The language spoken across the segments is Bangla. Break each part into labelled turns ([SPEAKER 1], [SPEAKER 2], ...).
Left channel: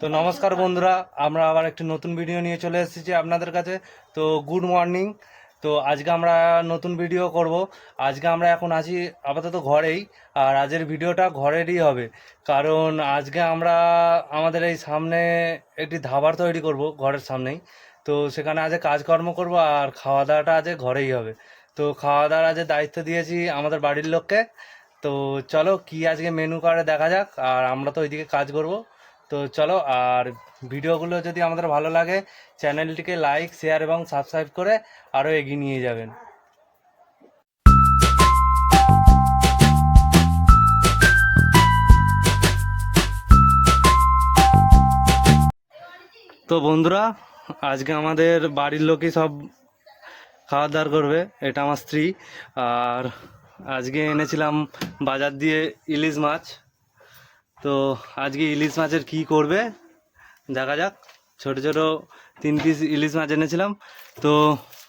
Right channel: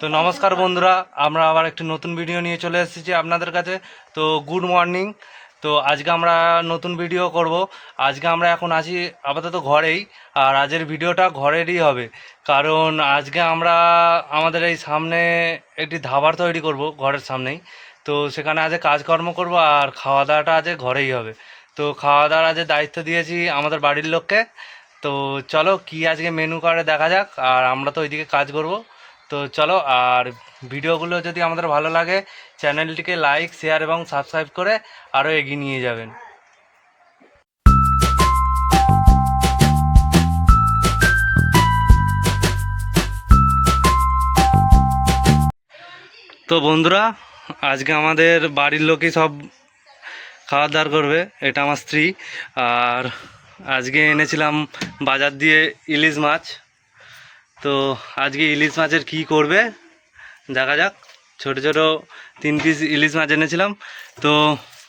[SPEAKER 1] তো নমস্কার বন্ধুরা, আমরা আবার একটি নতুন ভিডিও নিয়ে চলে এসেছি আপনাদের কাছে। তো গুড মর্নিং তো আজকে আমরা নতুন ভিডিও করব। আজকে আমরা এখন আছি আপাতত ঘরেই, আর আজের ভিডিওটা ঘরেরই হবে। কারণ আজকে আমরা আমাদের এই সামনে একটি ধাবার তৈরি করব, ঘরের সামনেই। তো সেখানে আজকে কাজকর্ম করব, আর খাওয়া দাওয়াটা আজকে ঘরেই হবে। তো খাওয়া দাওয়ার আজকে দায়িত্ব দিয়েছি আমাদের বাড়ির লোককে। তো চলো কি আজকে মেনু করে দেখা যাক, আর আমরা তো ওইদিকে কাজ করব। তো চলো, আর ভিডিওগুলো যদি আমাদের ভালো লাগে চ্যানেলটিকে লাইক শেয়ার এবং সাবস্ক্রাইব করে আরও এগিয়ে নিয়ে যাবেন। তো বন্ধুরা, আজকে আমাদের বাড়ির লোকই সব খাওয়া দাওয়ার করবে, এটা আমার স্ত্রী, আর আজকে এনেছিলাম বাজার দিয়ে ইলিশ মাছ। তো আজকে ইলিশ মাছের কি করবে? দেখা যাক। ছোট ছোট তিন পিস ইলিশ মাছ এনেছিলাম। তো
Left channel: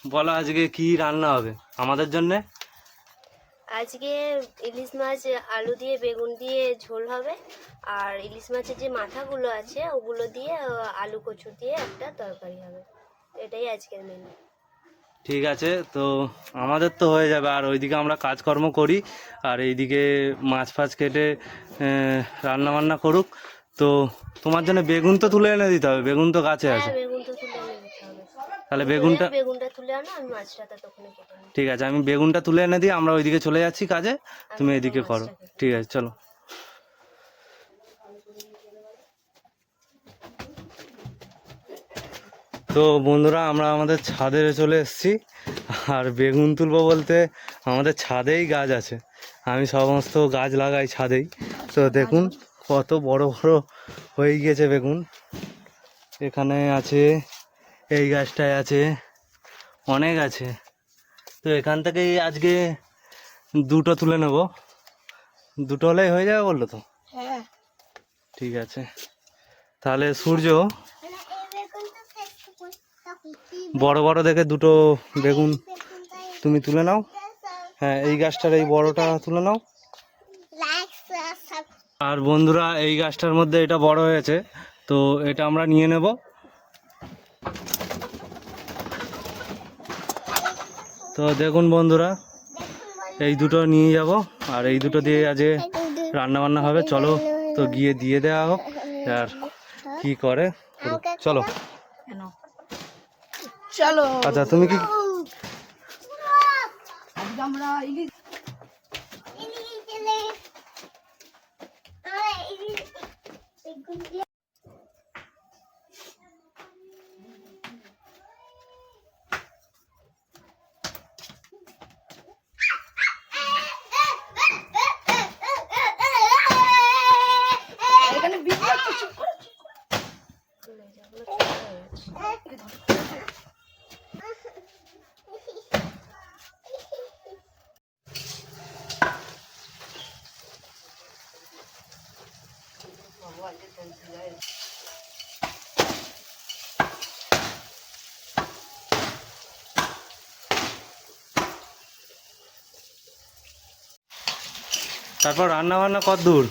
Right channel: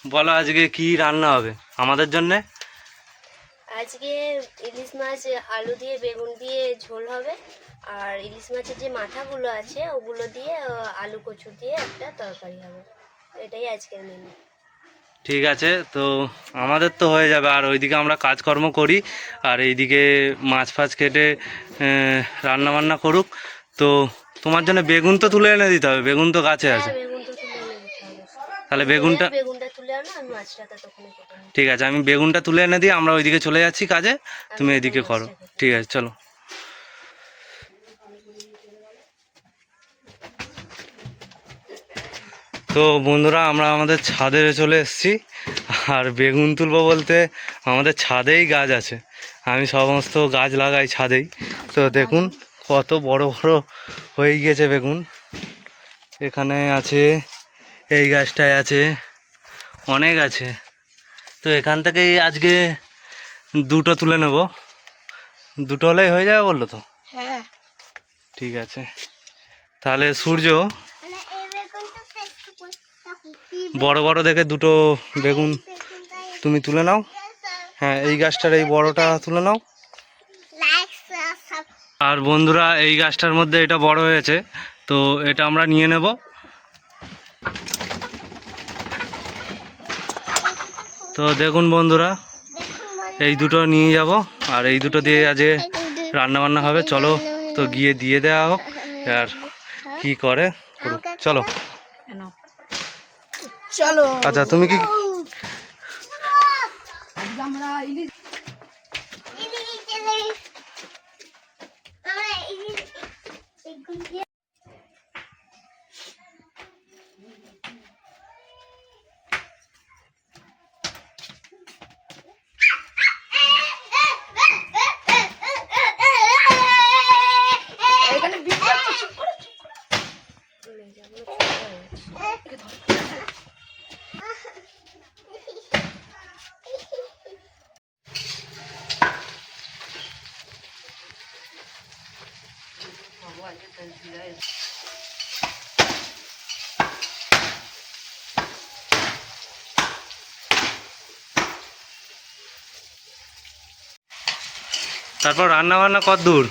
[SPEAKER 1] বলো আজকে কি রান্না হবে আমাদের জন্যে?
[SPEAKER 2] আজকে ইলিশ মাছ আলু দিয়ে, বেগুন দিয়ে ঝোল হবে। আর ইলিশ মাছের যে মাথাগুলো আছে, ওগুলো দিয়ে, আলু কচু দিয়ে একটা তরকারি হবে। এটাই আজকের মেনু
[SPEAKER 1] ঠিক আছে তো আমাদের তো হয়ে যাবে। আর ওইদিকে আমরা কাজকর্ম করি আর এইদিকে মাছ ফাছ কেটে রান্না বান্না করুক। তো তোমার জন্য বেগুন তো তুলে এনে দিতে হবে বেগুন তো গাছে আছে।
[SPEAKER 2] হ্যাঁ হবে।
[SPEAKER 1] তাহলে বেগুনটা ঠিক আছে আমি বেগুনটা তুলে এনে দিই আমরা ওইদিকে চলে যাচ্ছি কাজে তুমি এদিকে করো। ঠিক আছে চলো। তো বন্ধুরা আমরা আমাদের ছাদে চলে এসেছি। আর বেগুন তুলবো বলতে আমাদের ছাদেই গাছ আছে। আমি সমস্ত গাছ লাগাই ছাদেই। তো দেখুন কত বড় বড় হয়ে গিয়েছে বেগুন। এখানে আছে এই গাছটায় আছে অনেক আছে। তো এখান থেকেই আজকে দুটো তুলে নেব। দুটো হলেই হয়ে যাবে বলল তো?
[SPEAKER 2] হ্যাঁ।
[SPEAKER 1] ঠিক আছে। তাহলে সূর্য বড় বড় দেখে দুটো বেগুন তুমি তুলে নাও। হ্যাঁ এই গাছটার এই বড়টা তুলে নাও। আর বন্ধুরা, এই গাছটার মধ্যে এটা বড় হয়েছে, তো এটা আমরা নিয়ে নেব। তো দেখুন বন্ধুরা, এই দুটো নিয়ে যাব, আর এই দুটো দিয়ে আজ রান্না বান্না হবে। চলো তো গিয়ে দিয়ে দেওয়া হোক, আর কি করে। চলো।
[SPEAKER 2] চলো
[SPEAKER 1] আচ্ছা তুমি কি
[SPEAKER 2] আজকে আমরা ইলিশ এখানে
[SPEAKER 1] তারপর রান্না বান্না কত দূর?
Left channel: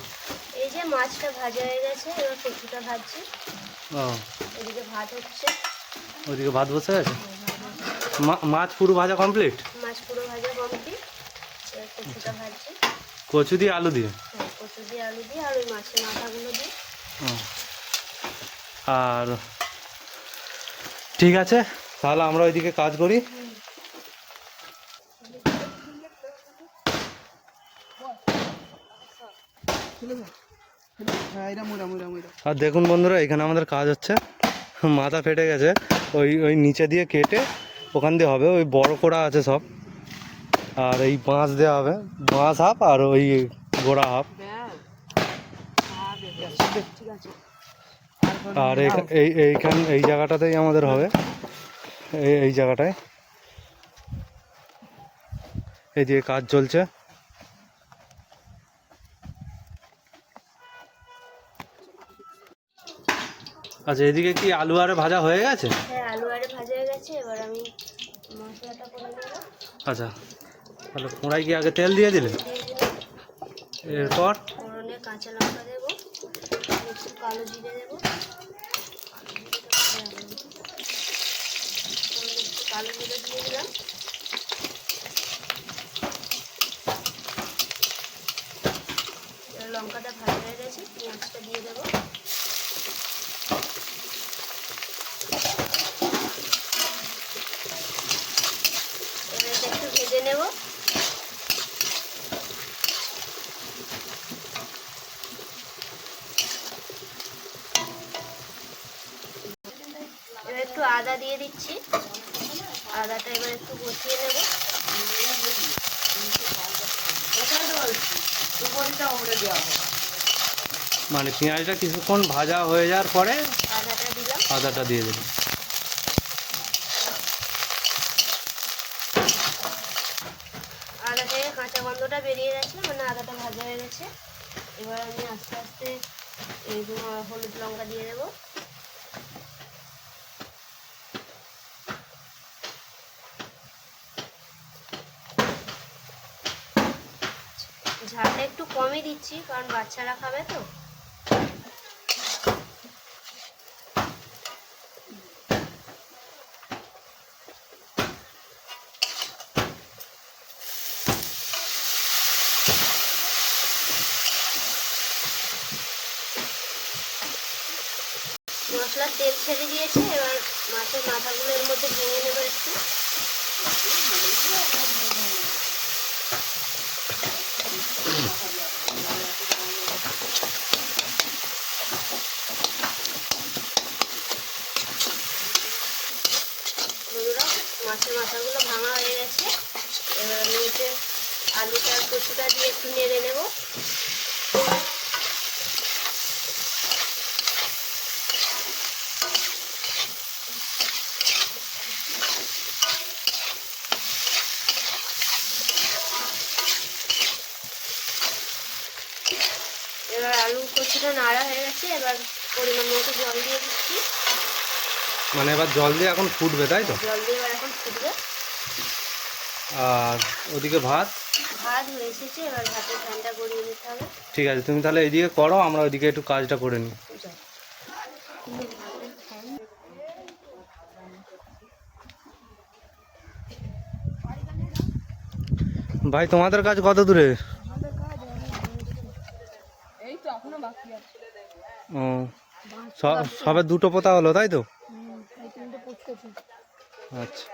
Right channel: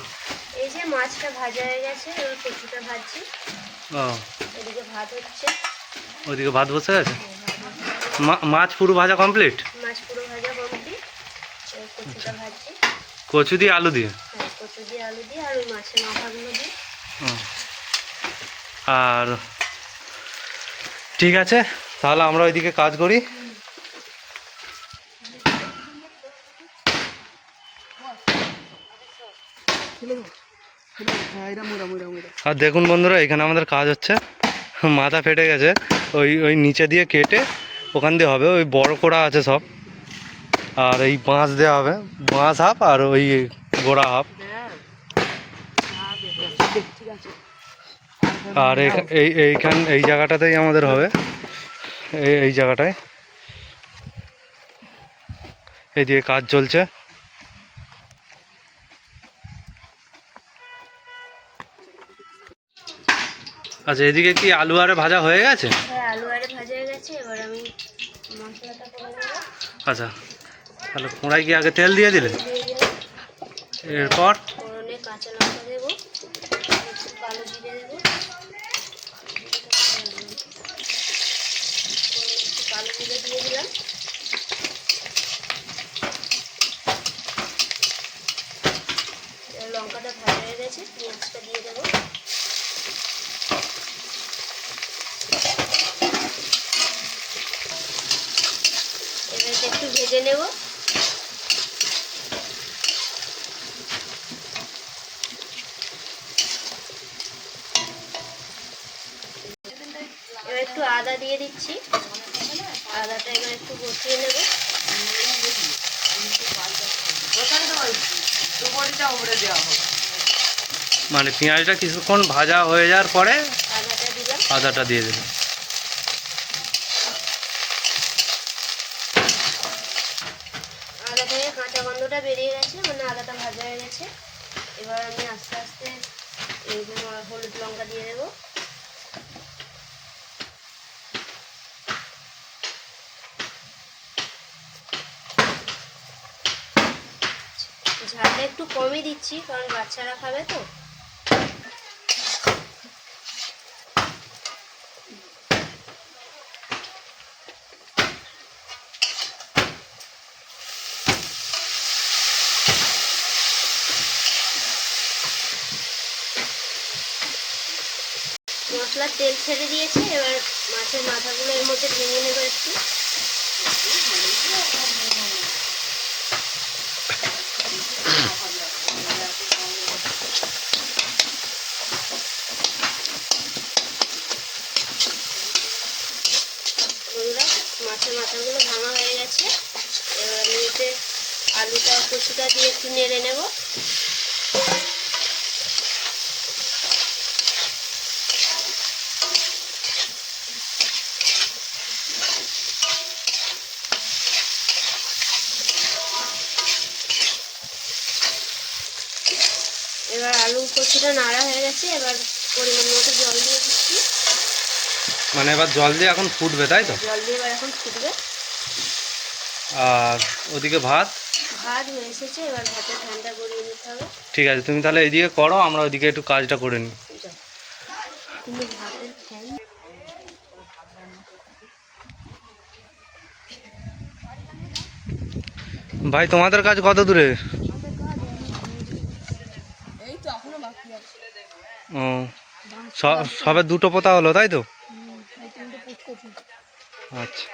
[SPEAKER 2] এই যে মাছটা ভাজা হয়ে গেছে এবার কচুটা ভাজছি।
[SPEAKER 1] ও।
[SPEAKER 2] এদিকে ভাত হচ্ছে।
[SPEAKER 1] ওইদিকে ভাত বসে গেছে মা- মাছ পুরো ভাজা কমপ্লিট?
[SPEAKER 2] মাছ পুরো ভাজা কমপ্লিট। কচুটা ভাজছি।
[SPEAKER 1] কচু দিয়ে আলু দিয়ে
[SPEAKER 2] হ্যাঁ কচু দিয়ে আলু দিয়ে আর ওই মাছের মাথাগুলো দিয়ে
[SPEAKER 1] ও। আর ঠিক আছে, তাহলে আমরা ওইদিকে কাজ করি। আর দেখুন বন্ধুরা, এখানে আমাদের কাজ হচ্ছে। মাথা ফেটে গেছে, ওই ওই নিচে দিয়ে কেটে ওখান দিয়ে হবে, ওই বড় করা আছে সব। আর এই বাঁশ দেওয়া হবে, বাঁশ হাফ আর ওই গোড়া হাফ। আর এই এইখান এই জায়গাটাতেই আমাদের হবে। এই এই জায়গাটায়। এইদিকে কাজ চলছে। আচ্ছা এদিকে কি আলু আরে ভাজা হয়ে গেছে?
[SPEAKER 2] হ্যাঁ আলু আরে ভাজা হয়ে গেছে। এবার আমি মশলাটা করে নেব।
[SPEAKER 1] আচ্ছা তাহলে কোড়াই কি আগে তেল দিয়ে দিলে? এরপর
[SPEAKER 2] ফোড়নে কাঁচা লঙ্কা দেবো কালো জিরে দেবো একটু কালো জিরে দিয়ে দিলাম এবার লঙ্কাটা ভাজা হয়ে গেছে পেঁয়াজটা দিয়ে দেবো এবার এটা একটু ভেজে নেব। এবার একটু আদা দিয়ে দিচ্ছি। আদাটা এবার একটু বসিয়ে নেব।
[SPEAKER 1] মানে পেঁয়াজটা কিছুক্ষণ ভাজা হয়ে যাওয়ার পরে
[SPEAKER 2] আদাটা
[SPEAKER 1] আদাটা দিয়ে দেবেন
[SPEAKER 2] আদা থেকে কাঁচা গন্ধটা বেরিয়ে গেছে মানে আদাটা ভাজা হয়ে গেছে এবার আমি আস্তে আস্তে এই যে হলুদ লঙ্কা দিয়ে দেবো ঝালটা একটু কমই দিচ্ছি, কারণ বাচ্চারা খাবে তো। মশলার তেল ছেড়ে দিয়েছে, এবার মাছের মাথাগুলো এর মধ্যে ভেঙে নেব একটু বন্ধুরা মাছের মাথাগুলো ভাঙা হয়ে গেছে এবার আমি এতে আলুটা কচুটা দিয়ে একটু নেড়ে নেব। এবার আলু কচুটা নাড়া হয়ে গেছে এবার পরিমাণ মতো জল দিয়ে দিচ্ছি।
[SPEAKER 1] মানে এবার জল দিয়ে এখন ফুটবে তাই তো?
[SPEAKER 2] জল দিয়ে এবার এখন ফুটবে।
[SPEAKER 1] আর ওদিকে ভাত?
[SPEAKER 2] ভাত হয়ে এসেছে এবার ভাতের ঠান্ডা গড়িয়ে নিতে হবে।
[SPEAKER 1] ঠিক আছে তুমি তাহলে এদিকে করো আমরা ওইদিকে একটু কাজটা করে নিই। ভাই তোমাদের কাজ কত দূরে?
[SPEAKER 2] এই তো এখনও বাকি আছে।
[SPEAKER 1] ও সবে দুটো পোতা হলো তাই তো?
[SPEAKER 2] এই তিনটে পুষ করছি
[SPEAKER 1] আচ্ছা।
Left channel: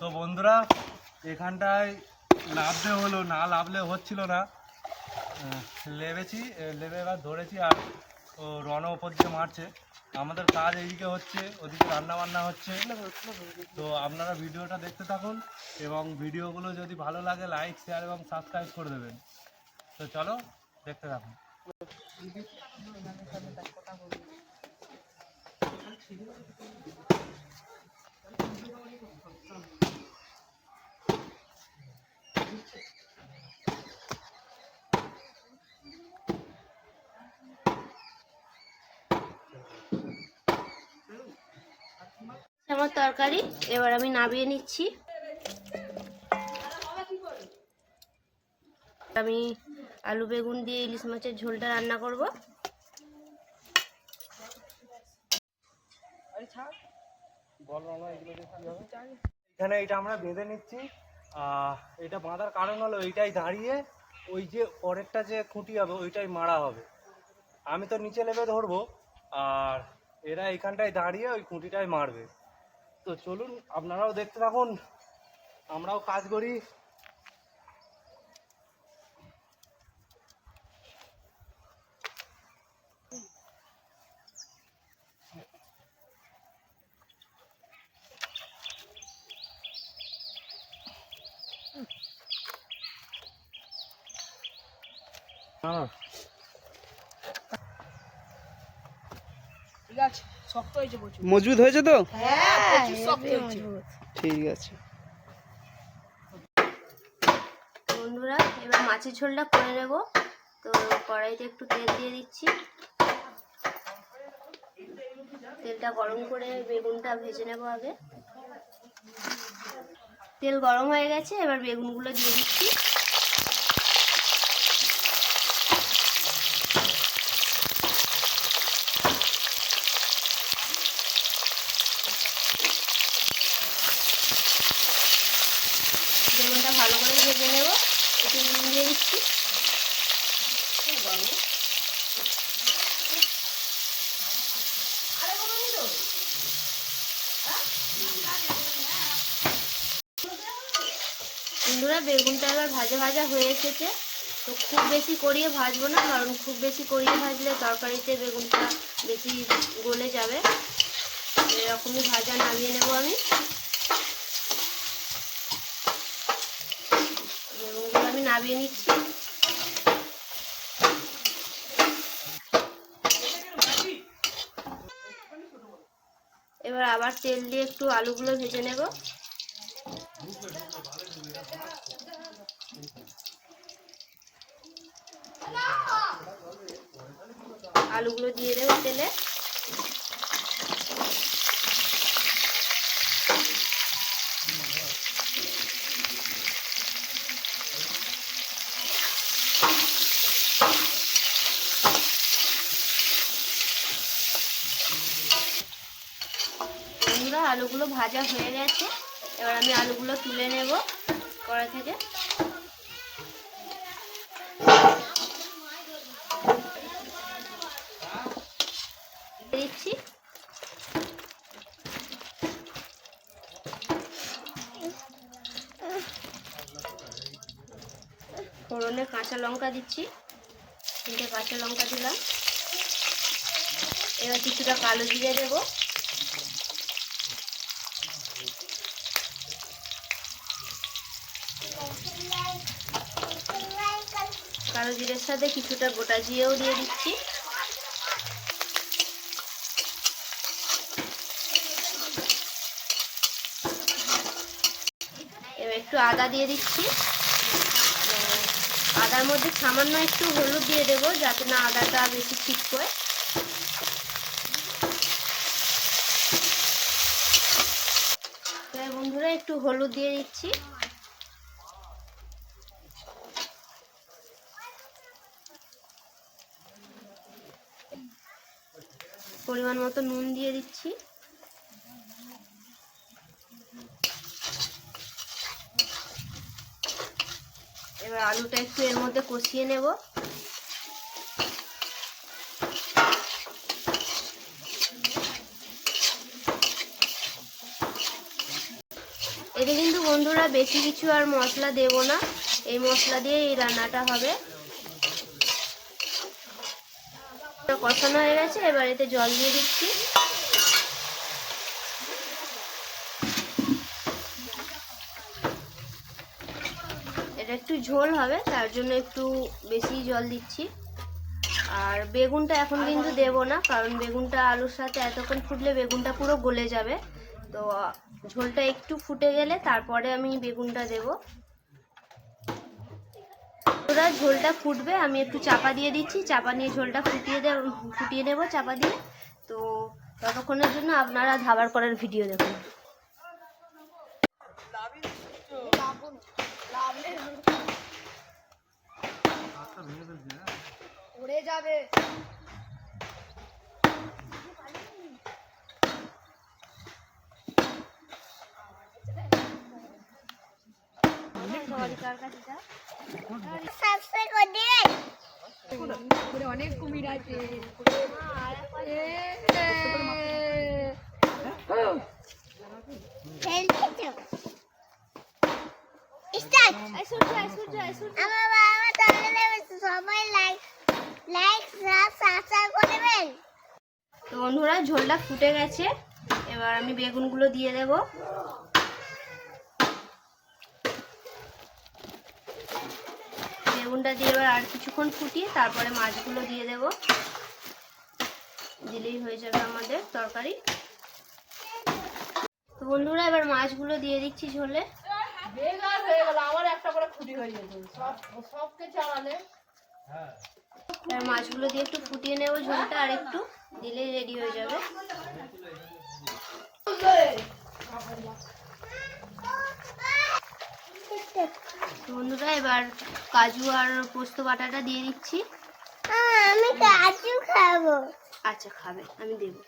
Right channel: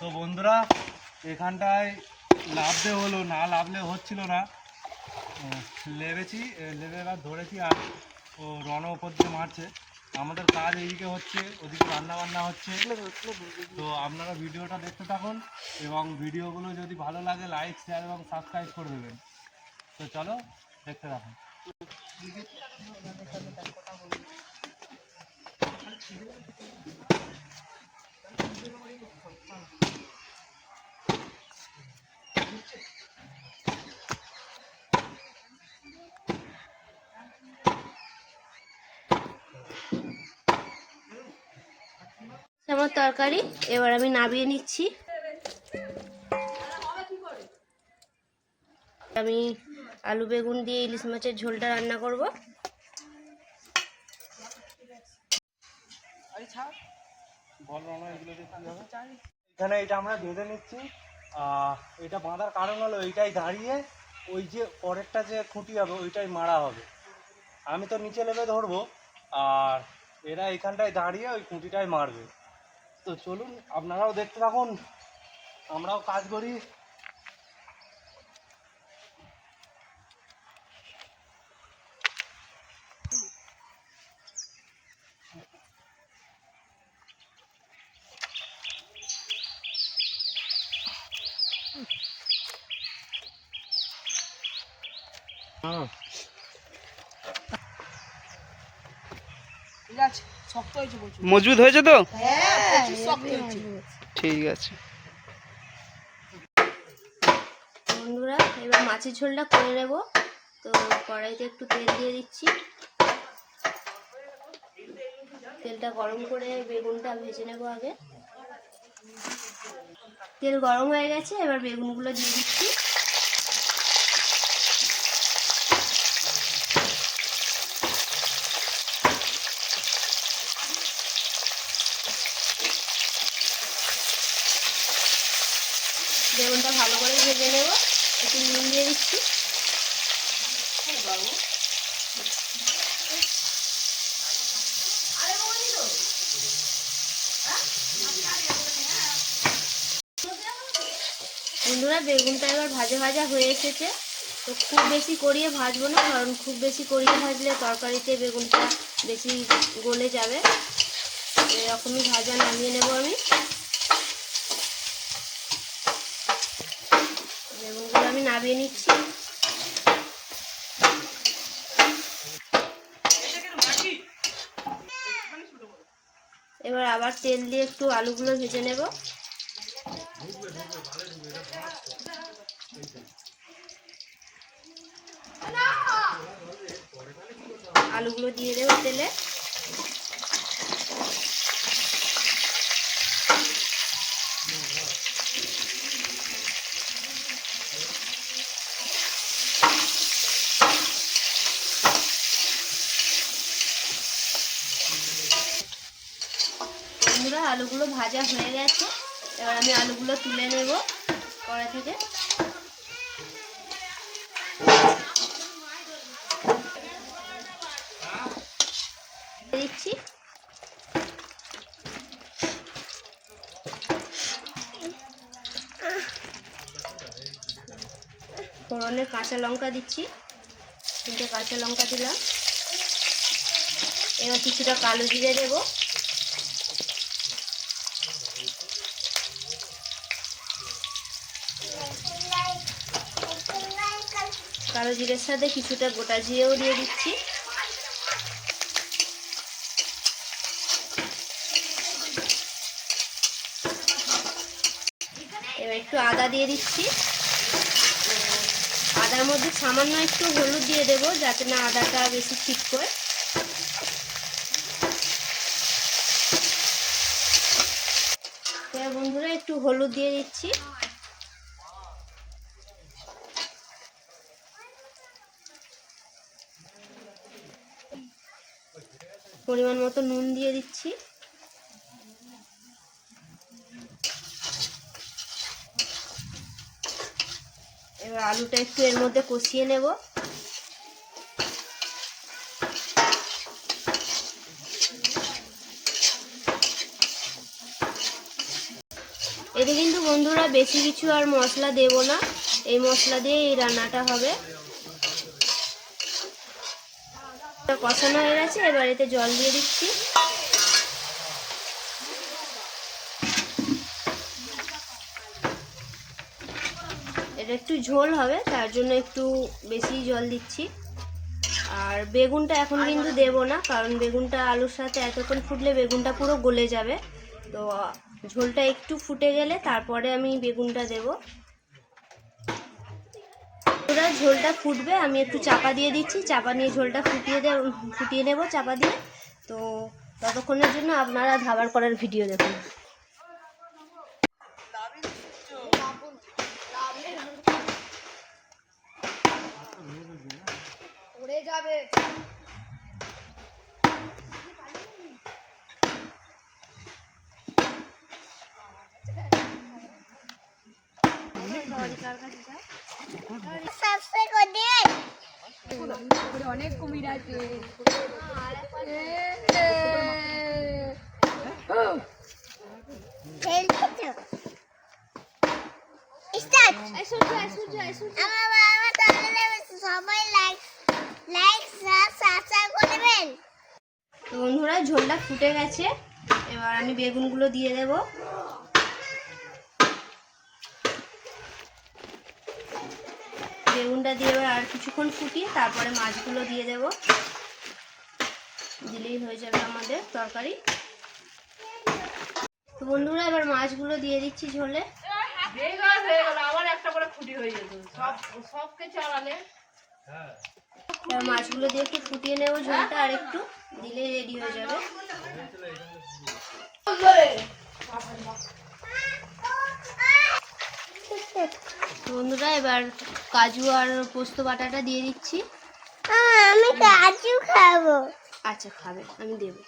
[SPEAKER 1] তো বন্ধুরা, এখানটায় লাভলে হলো না, লাভলে হচ্ছিল না। লেবেছি লেবে এবার ধরেছি আর ও রণ ওপর দিয়ে মারছে। আমাদের কাজ এইদিকে হচ্ছে, ওদিকে রান্না বান্না হচ্ছে। তো আপনারা ভিডিওটা দেখতে থাকুন এবং ভিডিওগুলো যদি ভালো লাগে, লাইক শেয়ার এবং সাবস্ক্রাইব করে দেবেন। তো চলো দেখতে থাকুন।
[SPEAKER 2] আমার তরকারি। এবার আমি নামিয়ে নিচ্ছি। আমি আলু বেগুন দিয়ে ইলিশ মাছের ঝোলটা রান্না করব।
[SPEAKER 1] এখানে এটা আমরা বেঁধে নিচ্ছি। এটা বাঁধার কারণ হলো এইটাই দাঁড়িয়ে, ওই যে পরেরটা যে খুঁটি হবে, ওইটাই মারা হবে। আমি তো নিচে নেমে ধরবো, আর এরা এখানটায় দাঁড়িয়ে ওই খুঁটিটাই মারবে। তো চলুন আপনারাও দেখতে থাকুন। আমরাও কাজ করি। হ্যাঁ।
[SPEAKER 3] মজবুত হয়েছে তো?
[SPEAKER 2] হ্যাঁ
[SPEAKER 3] ঠিক আছে।
[SPEAKER 2] বন্ধুরা এবার মাছের ঝোলটা করে নেব। তো কড়াইতে একটু তেল দিয়ে দিচ্ছি। তেলটা গরম করে বেগুনটা ভেজে নেব আগে। তেল গরম হয়ে গেছে এবার বেগুনগুলো দিয়ে দিচ্ছি দিয়ে দিচ্ছি বন্ধুরা বেগুনটা এবার ভাজা ভাজা হয়ে এসেছে। তো খুব বেশি করিয়ে ভাজবো না, কারণ খুব বেশি করিয়ে ভাজলে তরকারিতে বেগুনটা বেশি গলে যাবে। এরকমই ভাজা নামিয়ে নেব আমি। বেগুনগুলো আমি নামিয়ে নিচ্ছি। এবার আবার তেল দিয়ে একটু আলুগুলো ভেজে নেব। আলুগুলো দিয়ে দেবো তেলে। আলুগুলো ভাজা হয়ে গেছে। এবার আমি আলুগুলো তুলে নেব কড়া থেকে দিচ্ছি ফোড়নে কাঁচা লঙ্কা দিচ্ছি। তিনটে কাঁচা লঙ্কা দিলাম। এবার কিছুটা কালো জিরে দেবো। কালো জিরের সাথে কিছুটা গোটা জিরেও দিয়ে দিচ্ছি। এবার একটু আদা দিয়ে দিচ্ছি। আদার মধ্যে সামান্য একটু হলুদ দিয়ে দেবো যাতে না আদাটা বেশি ঠিক করে। বন্ধুরা একটু হলুদ দিয়ে দিচ্ছি। পরিমাণ মতো নুন দিয়ে দিচ্ছি। এবার আলুটা একটু এর মধ্যে কষিয়ে নেব। এতে কিন্তু বন্ধুরা বেশি কিছু আর মশলা দেব না। এই মশলা দিয়ে এই রান্নাটা হবে। কষানো হয়ে গেছে, এবার এতে জল দিয়ে দিচ্ছি। এটা একটু ঝোল হবে তার জন্য একটু বেশি জল দিচ্ছি। আর বেগুনটা এখন কিন্তু দেব না কারণ বেগুনটা আলুর সাথে এতক্ষণ ফুটলে বেগুনটা পুরো গলে যাবে। তো ঝোলটা একটু ফুটে গেলে তারপরে আমি বেগুনটা দেবো। ওরা ঝোলটা ফুটবে আমি একটু চাপা দিয়ে দিচ্ছি। চাপা নিয়ে ঝোলটা ফুটিয়ে দে ফুটিয়ে নেব চাপা দিয়ে। তো ততক্ষণের জন্য আপনারা ধাবার করার ভিডিও দেখুন।
[SPEAKER 3] উড়ে যাবে। অনেক কুমির আছে
[SPEAKER 4] সবাই লাইক লাইক সাবস্ক্রাইব করবেন
[SPEAKER 2] তো বন্ধুরা, ঝোলটা ফুটে গেছে। এবার আমি বেগুনগুলো দিয়ে দেব। বেগুনটা দিয়ে এবার আর কিছুক্ষণ ফুটিয়ে তারপরে মাছগুলো দিয়ে দেব। দিলেই হয়ে যাবে আমাদের তরকারি। তো বন্ধুরা, এবার মাছগুলো দিয়ে দিচ্ছি ঝোলে।
[SPEAKER 3] হয়ে গেল আবার একটা করে ফুটি হয়ে যেত সব সবকে চালালে
[SPEAKER 2] মাছগুলো দিয়ে একটু ফুটিয়ে নেব ঝোলটা আর একটু দিলেই রেডি হয়ে যাবে। বন্ধুরা এবার কাজু আর পোস্ত বাটাটা দিয়ে দিচ্ছি।
[SPEAKER 4] আমি কাজু খাব।
[SPEAKER 2] আচ্ছা খাবে আমি দেবো।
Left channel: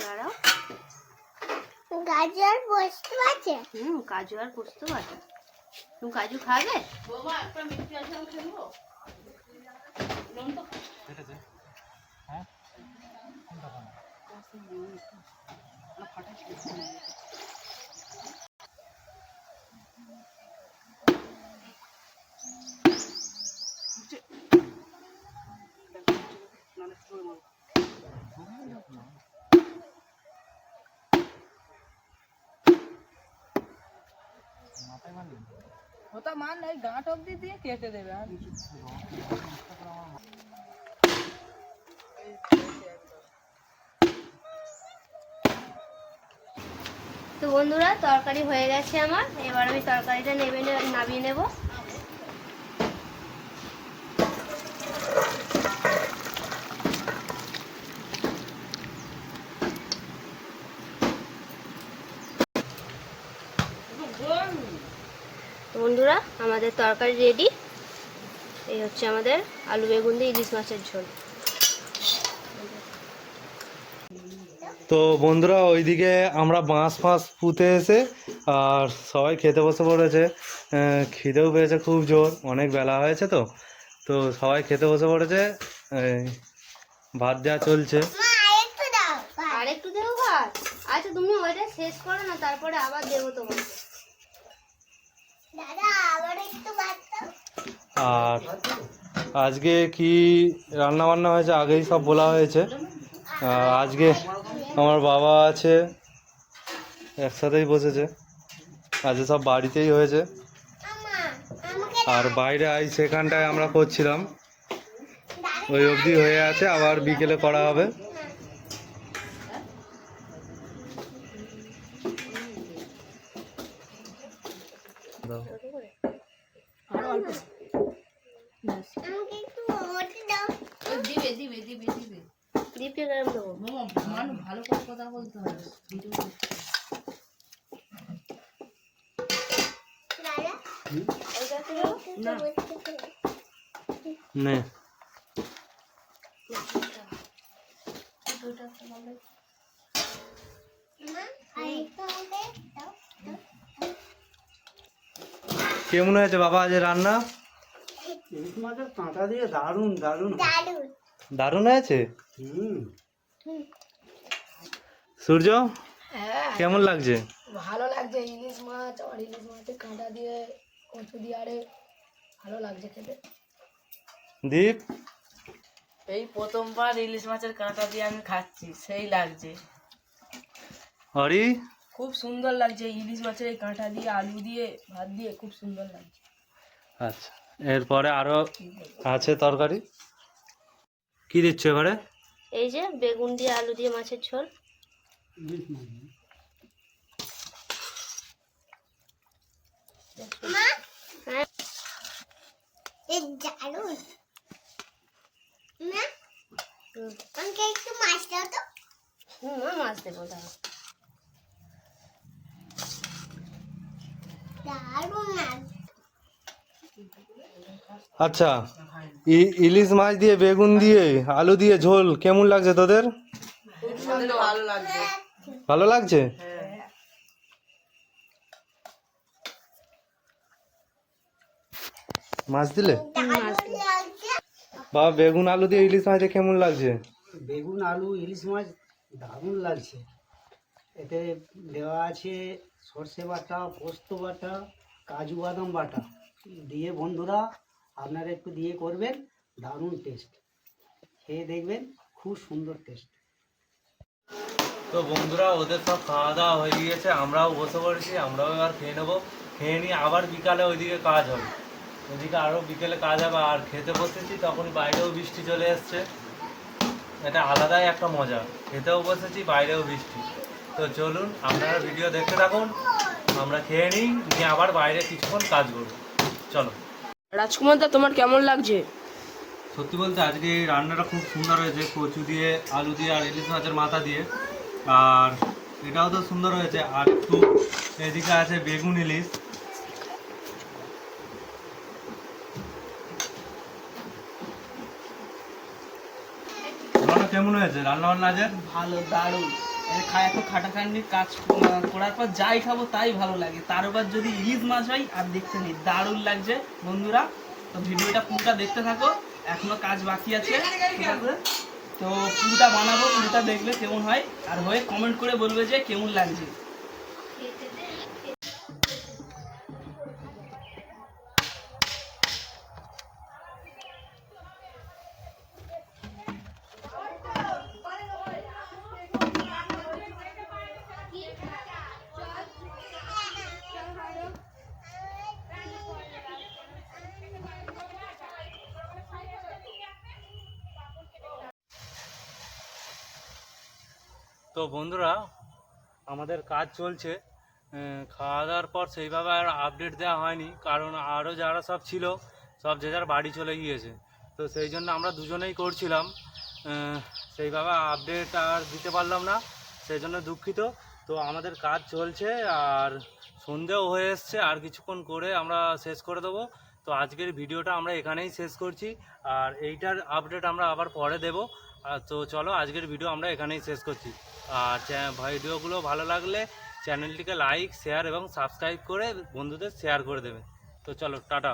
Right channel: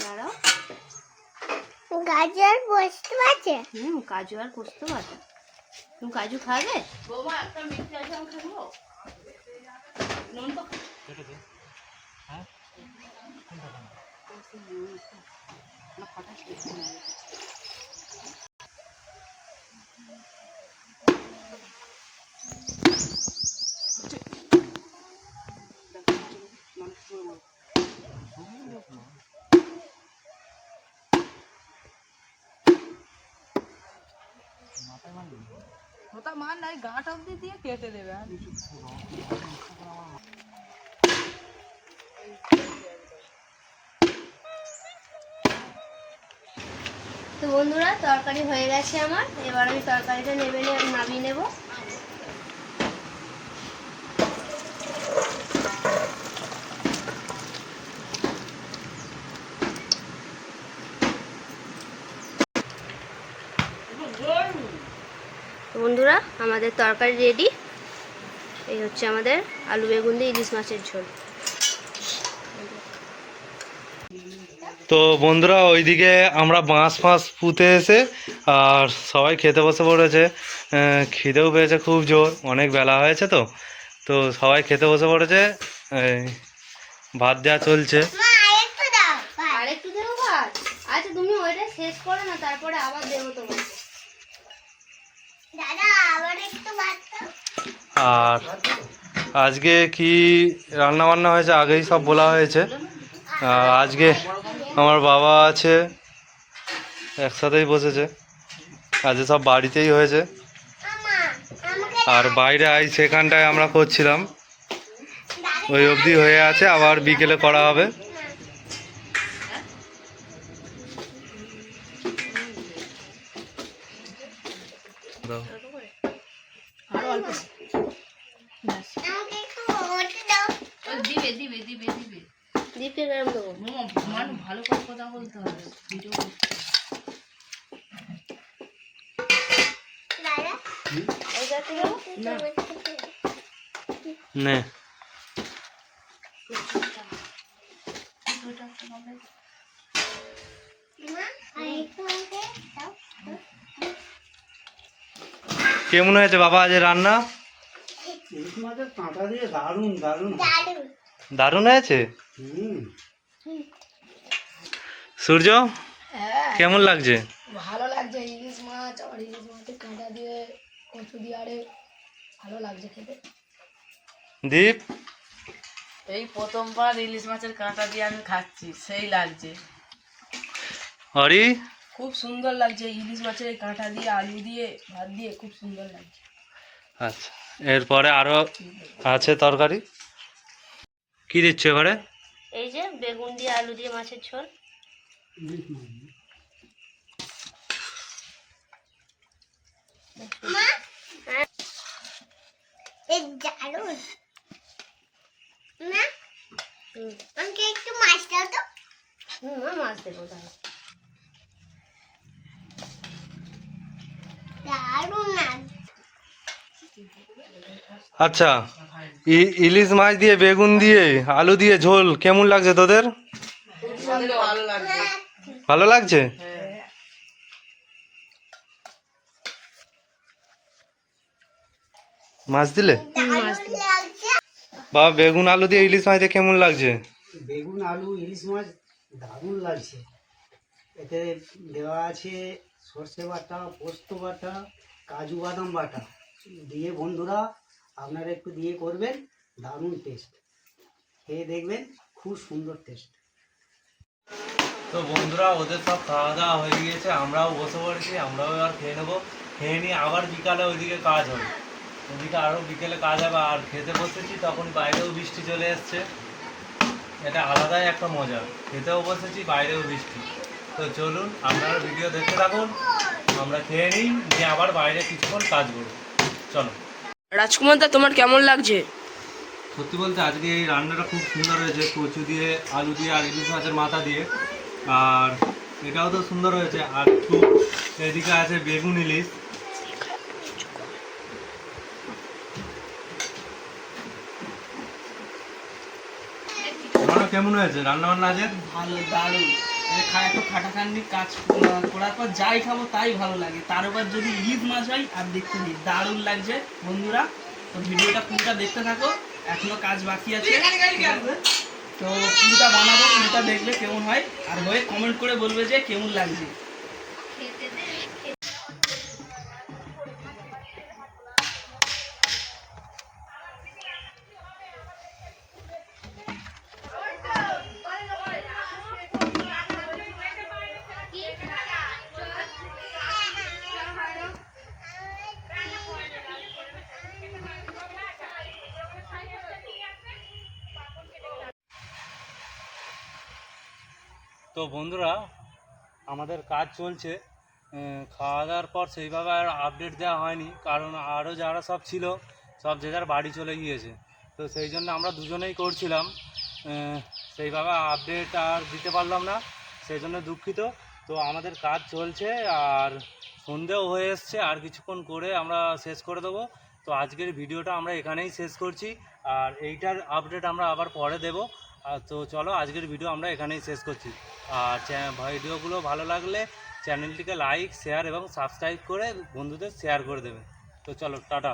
[SPEAKER 2] দাঁড়াও।
[SPEAKER 4] গাজর বসতে আছে?
[SPEAKER 2] হুম কাজু আর পোস্ত বাটা। তুমি কাজু খাবে
[SPEAKER 3] বৌমা একটা ওটা মান নাই গাঁট অব্দি দিয়ে কেটে দেবে আর।
[SPEAKER 2] তো বন্ধুরা তরকারি হয়ে গেছে আমার। এবার আমি তরকারিটা নেবে নামিয়ে নেব। তো বন্ধুরা আমাদের তরকারি রেডি এই হচ্ছে আমাদের আলু বেগুন দিয়ে ইলিশ মাছের ঝোল।
[SPEAKER 1] তো বন্ধুরা ওইদিকে আমরা বাঁশ ফাঁস পুঁতে এসে আর সবাই খেতে বসে পড়েছে। খিদেও পেয়েছে খুব জোর অনেক বেলা হয়েছে তো। তো সবাই খেতে বসে পড়েছে ভাত দেওয়া চলছে।
[SPEAKER 4] মা
[SPEAKER 2] আর একটু দেবো ভাত? আচ্ছা তুমি ওইটা শেষ করো না তারপরে আবার দেবো তোমাকে
[SPEAKER 4] দাদা আবার একটু ভাত দাও
[SPEAKER 1] আর আজকে কি রান্না বান্না হয়েছে? আগেই সব বলা হয়েছে। আজকে আমার বাবা আছে একসাথেই বসেছে। আজকে সব বাড়িতেই হয়েছে। আর বাইরে আই সেখানটায় আমরা করছিলাম। ওই অবধি হয়ে আছে আবার বিকেলে করা হবে দাও।
[SPEAKER 3] আরও অল্প
[SPEAKER 4] আমাকে একটু ওটা দাও
[SPEAKER 3] দিবে দিবে দিবে দিবে
[SPEAKER 2] দীপকে গরম দেবো
[SPEAKER 3] মামা মানুষ ভালো করে কথা বলতে হবে ভিডিও
[SPEAKER 4] দাদা
[SPEAKER 2] এইটা কি দেবো
[SPEAKER 3] না
[SPEAKER 1] নে। কেমন হয়েছে বাবা আজ রান্না?
[SPEAKER 5] দারুণ দারুণ
[SPEAKER 1] দারুণ হয়েছে? সূর্য
[SPEAKER 6] হ্যাঁ।
[SPEAKER 1] কেমন লাগছে?
[SPEAKER 6] ভালো লাগছে ইলিশ মাছ আর ইলিশ মাছের কাঁটা দিয়ে কচু দিয়ে আরে ভালো লাগছে খেতে।
[SPEAKER 1] দীপ।
[SPEAKER 7] এই প্রথমবার ইলিশ মাছের কাঁটা দিয়ে আমি খাচ্ছি সেই লাগছে।
[SPEAKER 1] হরি?
[SPEAKER 7] খুব সুন্দর লাগছে ইলিশ মাছের এই কাঁটা দিয়ে আলু দিয়ে ভাত দিয়ে খুব সুন্দর লাগছে।
[SPEAKER 1] আচ্ছা এরপরে আরও আছে তরকারি? কি দিচ্ছ এবারে?
[SPEAKER 2] এই যে বেগুন দিয়ে আলু দিয়ে মাছের ঝোল।
[SPEAKER 4] মা? এই দারুণ মা আমাকে একটু মাছ দাও তো?
[SPEAKER 2] হুম মাছ দেবো দাও
[SPEAKER 1] আচ্ছা ই- ইলিশ মাছ দিয়ে বেগুন দিয়ে আলু দিয়ে ঝোল কেমন লাগছে তোদের?
[SPEAKER 7] ভালো লাগছে?
[SPEAKER 1] মাছ দিলে? বাবা বেগুন আলু দিয়ে ইলিশ মাছ দিয়ে কেমন লাগছে?
[SPEAKER 5] বেগুন আলু ইলিশ মাছ দারুণ লাগছে। এতে দেওয়া আছে সর্ষে বাটা পোস্ত বাটা কাজু বাদাম বাটা। দিয়ে বন্ধুরা আপনারা একটু দিয়ে করবেন দারুণ টেস্ট খেয়ে দেখবেন খুব সুন্দর টেস্ট
[SPEAKER 1] তো বন্ধুরা ওদের সব খাওয়া দাওয়া হয়ে গিয়েছে আমরাও বসে পড়েছি আমরাও এবার খেয়ে নেব। খেয়ে নিয়ে আবার বিকালে ওইদিকে কাজ হবে। ওইদিকে আরও বিকেলে কাজ হবে আর খেতে বসেছি তখন বাইরেও বৃষ্টি চলে এসছে। এটা আলাদাই একটা মজা। খেতেও বসেছি বাইরেও বৃষ্টি। তো চলুন আপনারা ভিডিও দেখতে থাকুন। আমরা খেয়ে নিই নিয়ে আবার বাইরে কিছুক্ষণ কাজ করব। চলো।
[SPEAKER 7] রাজকুমার দা তোমার কেমন লাগছে?
[SPEAKER 1] সত্যি বলতে আজকে এই রান্নাটা খুব সুন্দর হয়েছে কচু দিয়ে আলু দিয়ে আর ইলিশ মাছের মাথা দিয়ে। আর এটাও তো সুন্দর হয়েছে। আর একটু এদিকে আছে বেগুন ইলিশ। তোমারও কেমন হয়েছে? রান্না বান্না আছে
[SPEAKER 7] ভালো, দারুণ। খায় এত খাটাখাটনি কাজ করার পর যাই খাব তাই ভালো লাগে। তার উপর যদি ইলিশ মাছ হয়, আর দেখতে নেই। দারুণ লাগছে, বন্ধুরা। তো ভিডিওটা পুরোটা দেখতে থাকো। এখনও কাজ বাকি আছে। তো পুরোটা বানাবো, পুরোটা দেখলে কেমন হয়। আর হয়ে কমেন্ট করে বলবে যে কেমন লাগছে।
[SPEAKER 1] তো বন্ধুরা, আমাদের কাজ চলছে। খাওয়া দাওয়ার পর সেইভাবে আর আপডেট দেওয়া হয়নি। কারণ আরও যারা সব ছিল, সব যে যার বাড়ি চলে গিয়েছে। তো সেই জন্য আমরা দুজনেই করছিলাম। সেইভাবে আপডেট আর দিতে পারলাম না। সেই জন্য দুঃখিত। তো আমাদের কাজ চলছে আর সন্ধেও হয়ে এসছে। আর কিছুক্ষণ করে আমরা শেষ করে দেবো। তো আজকের ভিডিওটা আমরা এখানেই শেষ করছি। আর এইটার আপডেট আমরা আবার পরে দেবো। তো চলো আজকের ভিডিও আমরা এখানেই শেষ করছি। ভিডিওগুলো ভালো লাগলে চ্যানেলটিকে লাইক, শেয়ার এবং সাবস্ক্রাইব করে বন্ধুদের শেয়ার করে দেবে। তো চলো, টাটা।